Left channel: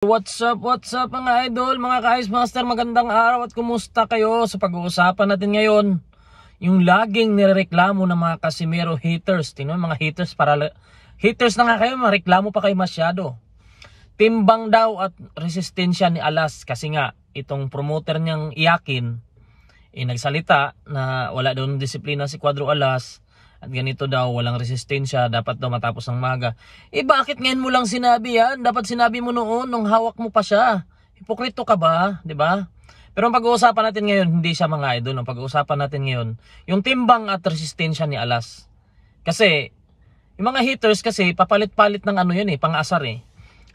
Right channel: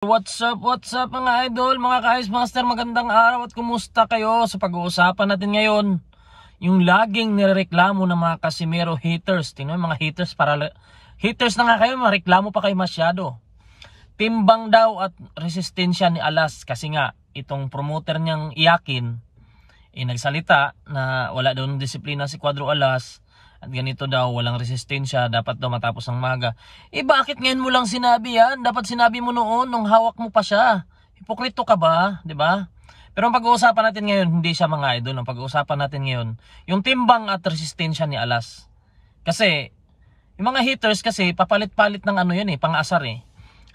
What's up mga idol, mga ka-Ice Master, magandang araw at kumusta kayo? Sa pag-uusapan natin ngayon, yung laging nireklamo ng mga Casimero haters. Tingnan mga haters, haters na nga kayo, mareklamo pa kayo masyado. Timbang daw at resistensya ni Alas kasi nga itong promoter niyang Iyakin nagsalita na wala daw ng disiplina si Cuadro Alas. At ganito daw, walang resistensya, dapat daw matapos ng maga. Bakit ngayon mo lang sinabi yan? Dapat sinabi mo noon, nung hawak mo pa siya. Hipokrito ka ba? Diba? Pero ang pag-uusapan natin ngayon, hindi siya mga idol. Ang pag-uusapan natin ngayon, yung timbang at resistensya ni Alas. Kasi, yung mga haters kasi, papalit-palit ng ano yun pang-asar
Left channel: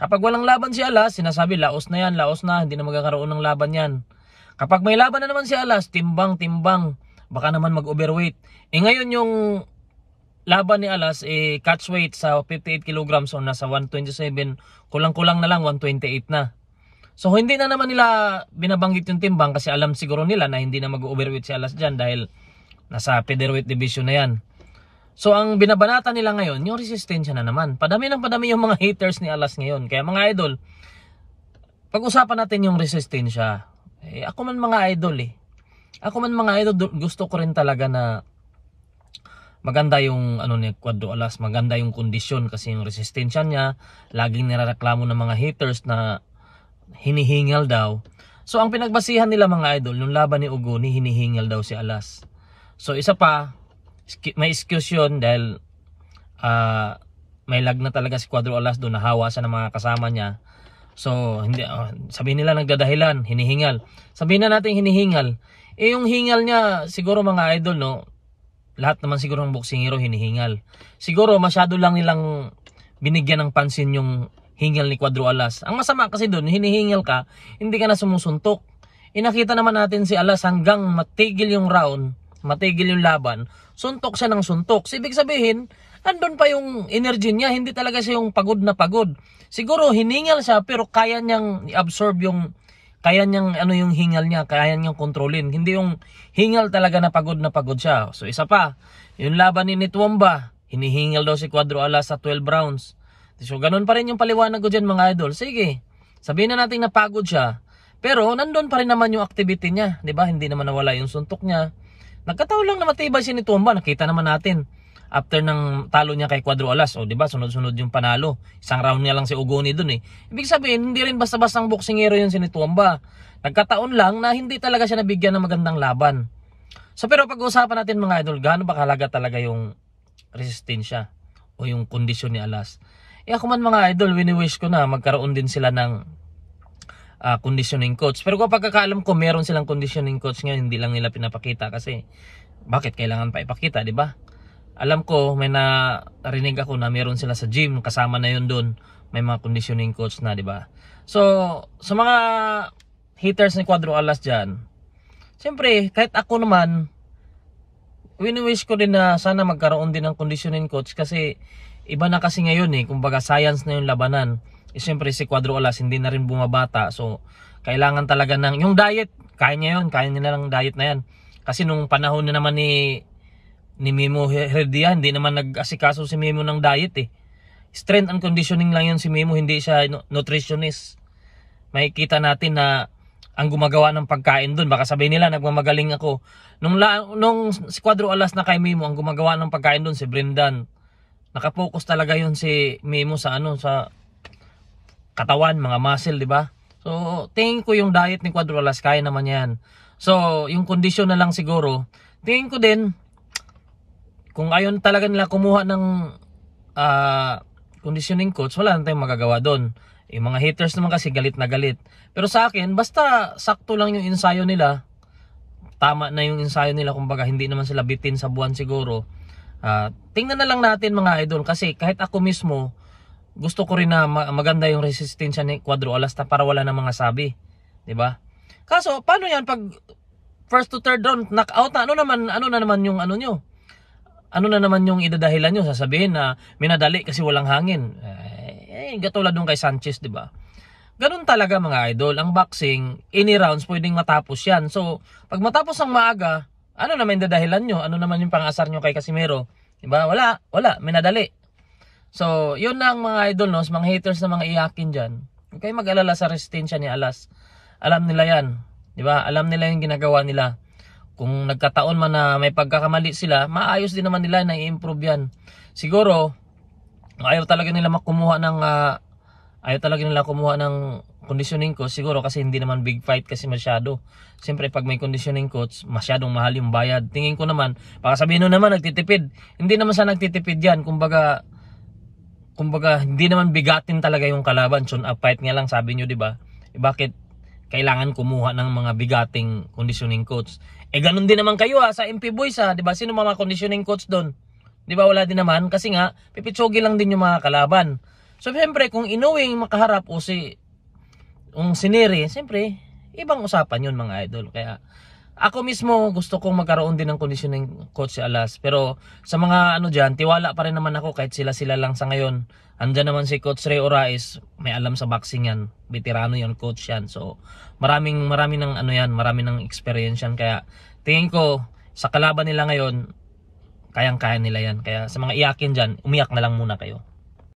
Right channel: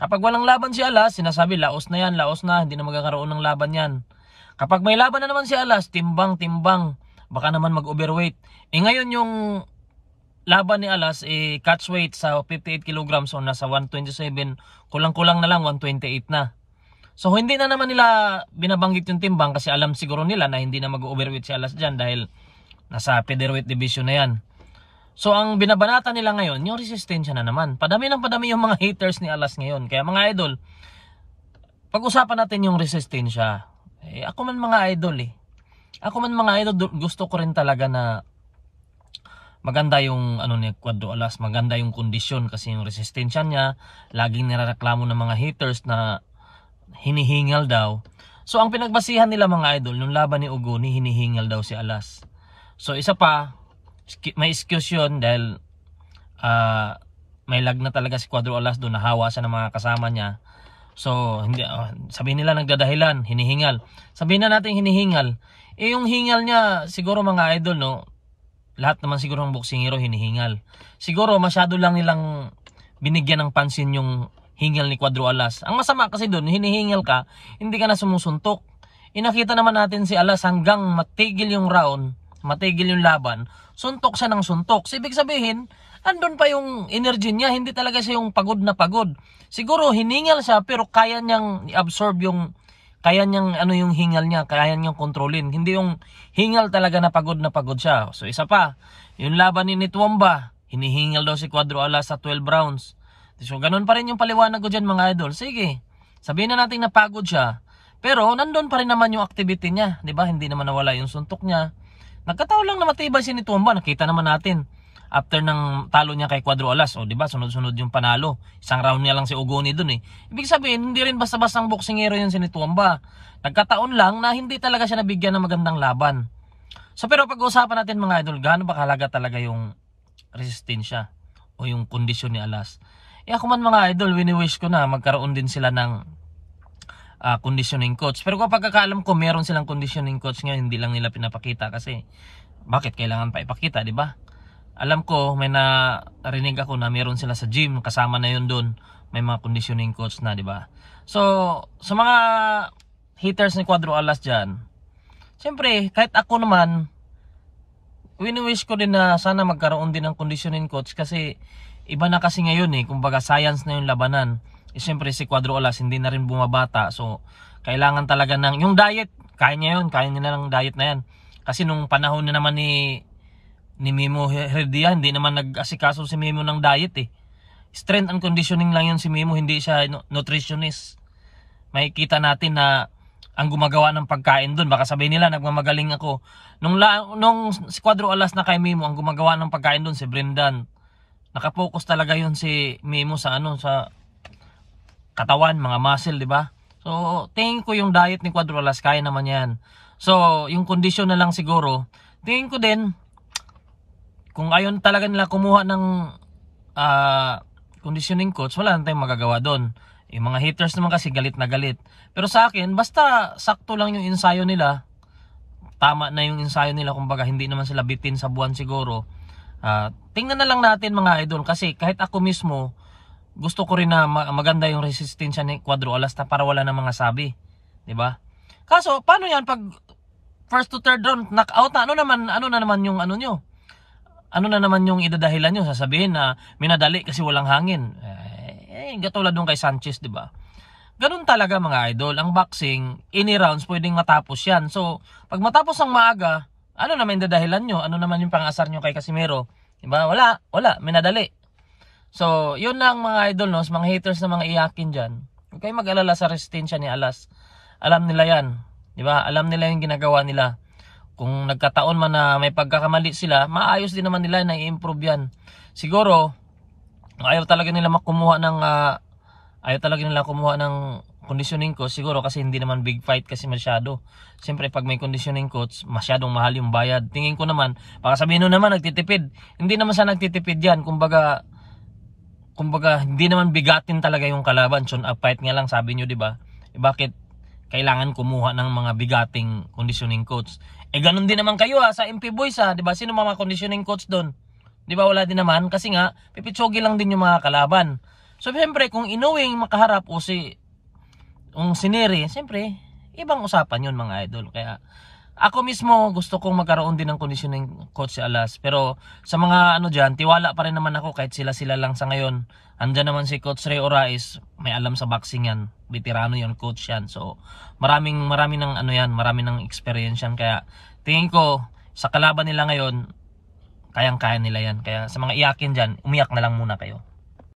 Kapag walang laban si Alas, sinasabi, laos na yan, laos na, hindi na magkakaroon ng laban yan. Kapag may laban na naman si Alas, timbang, baka naman mag-overweight. Ngayon yung laban ni Alas catch weight sa 58 kilograms, so nasa 127, kulang-kulang na lang 128 na. So hindi na naman nila binabanggit yung timbang kasi alam siguro nila na hindi na mag-overweight si Alas dyan dahil nasa featherweight division na yan. So ang binabanata nila ngayon, yung resistensya na naman. Padami yung mga haters ni Alas ngayon. Kaya mga idol, pag-usapan natin yung resistensya. Ako man mga idol gusto ko rin talaga na maganda yung ni Cuadro Alas, maganda yung kondisyon kasi yung resistensya niya, laging nirereklamo ng mga haters na hinihingal daw. So ang pinagbasihan nila mga idol, yung laban ni Ugoni, hinihingal daw si Alas. So isa pa, may excuse yun dahil may lag na talaga si Cuadro Alas doon, nahawa siya ng mga kasama niya. So hindi sabihin nila nagdadahilan, hinihingal. Sabihin na natin hinihingal. Yung hingal niya siguro mga idol lahat naman siguro ng boksingero hinihingal. Siguro masyado lang nilang binigyan ng pansin yung hingal ni Cuadro Alas. Ang masama kasi doon, hinihingal ka, hindi ka na sumusuntok. Nakita naman natin si Alas hanggang matigil yung round, matigil yung laban, suntok siya ng suntok. Ibig sabihin, andun pa yung energy niya, hindi talaga siya yung pagod na pagod. Siguro hiningal siya pero kaya niyang i-absorb yung yung hingal niya, kaya niyang kontrolin. Hindi yung hingal talaga na pagod siya. So isa pa, yung laban ni Nituamba, hinihingal daw si Cuadro Alas sa 12 rounds. So ganun pa rin yung paliwanag ko dyan mga idol. Sige, sabihin na natin na pagod siya. Pero nandun pa rin naman yung activity niya. Diba? Hindi naman nawala yung suntok niya. Nagkataon lang na matibay si Nituamba. Nakita naman natin. After ng talo niya kay Cuadro Alas, diba? Sunod-sunod yung panalo. Isang round niya lang si Ugoni dun Ibig sabihin, hindi rin basta-bastang boksingero yun si Nituamba. Nagkataon lang na hindi talaga siya nabigyan ng magandang laban. So pero pag-uusapan natin mga idol, gaano ba kahalaga talaga yung resistensya o yung kondisyon ni Alas? Ako man mga idol, wini-wish ko na magkaroon din sila ng conditioning coach. Pero kapag kakaalam ko meron silang conditioning coach ngayon, hindi lang nila pinapakita kasi bakit kailangan pa ipakita, di ba? Alam ko may narinig ako na meron sila sa gym, kasama na yun doon, may mga conditioning coach na, di ba? So sa mga haters ni Cuadro Alas dyan, siyempre kahit ako naman, wini-wish ko din na sana magkaroon din ng conditioning coach kasi iba na kasi ngayon kumbaga science na yung labanan. Siyempre si Cuadro Alas hindi na rin bumabata, so kailangan talaga ng yung diet, kaya niya na lang diet na yan. Kasi nung panahon na naman ni Memo Herdia, hindi naman nag-asikaso si Memo ng diet Strength and conditioning lang yun si Memo, hindi siya nutritionist. Makikita natin na ang gumagawa ng pagkain doon, baka sabihin nila nagmamagaling ako. Nung si Cuadro Alas na kay Memo, ang gumagawa ng pagkain doon si Brendan. Nakapokus talaga yun si Memo sa sa katawan, mga muscle, di ba? So tingin ko yung diet ni Cuadro Alas kaya naman yan. So yung kondisyon na lang siguro, tingin ko din kung ayon talaga nila kumuha ng conditioning coach, wala na tayong magagawa doon. Yung mga haters naman kasi galit na galit. Pero sa akin, basta sakto lang yung ensayo nila, tama na yung ensayo nila, kumbaga hindi naman sila bitin sa buwan siguro. Tingnan na lang natin mga idol, kasi kahit ako mismo, gusto ko rin na maganda yung resistensya ni Cuadro Alas para wala na mga sabi. Diba? Kaso, paano yan pag first to third round, knockout na, ano na naman yung nyo? Ano na naman yung idadahilan nyo? Sasabihin na minadali kasi walang hangin. Katulad nung kay Sanchez, di ba? Ganun talaga mga idol. Ang boxing, any rounds pwedeng matapos yan. So, pag matapos ang maaga, ano naman yung dadahilan nyo? Ano naman yung pang-asar nyo kay Casimero? Di ba? Wala. Minadali. So, yun lang mga idol, no? Sa mga haters na mga Iyakin dyan. Huwag kayong mag-alala sa resistensya ni Alas. Alam nila yan. Di ba? Alam nila yung ginagawa nila. Kung nagkataon man na may pagkakamali sila, maayos din naman nila na i-improve yan. Siguro, ayaw talaga nila kumuha ng conditioning coach siguro kasi hindi naman big fight kasi masyado. Siyempre pag may conditioning coach, masyadong mahal yung bayad. Tingin ko naman, baka sabihin naman nagtitipid. Hindi naman sa nagtitipid yan. Kumbaga hindi naman bigatin talaga yung kalaban. Tune up fight nga lang sabi nyo, di ba? Bakit kailangan kumuha ng mga bigating conditioning coach? Ganun din naman kayo sa MP Boys di ba? Sino mga conditioning coach doon? Di ba wala din naman? Kasi nga, pipitsogi lang din yung mga kalaban. So, siyempre, kung inuwing makaharap o siniri, siyempre, ibang usapan yun mga idol. Kaya, ako mismo, gusto kong magkaroon din ng conditioning coach si Alas. Pero, sa mga dyan, tiwala pa rin naman ako kahit sila lang sa ngayon. Andyan naman si Coach Ray Orais, may alam sa boxing yan. Veterano yan, coach yan. So, marami ng experience yan. Kaya, tingin ko, sa kalaban nila ngayon, kayang-kaya nila yan. Kaya sa mga iyakin dyan, umiyak na lang muna kayo.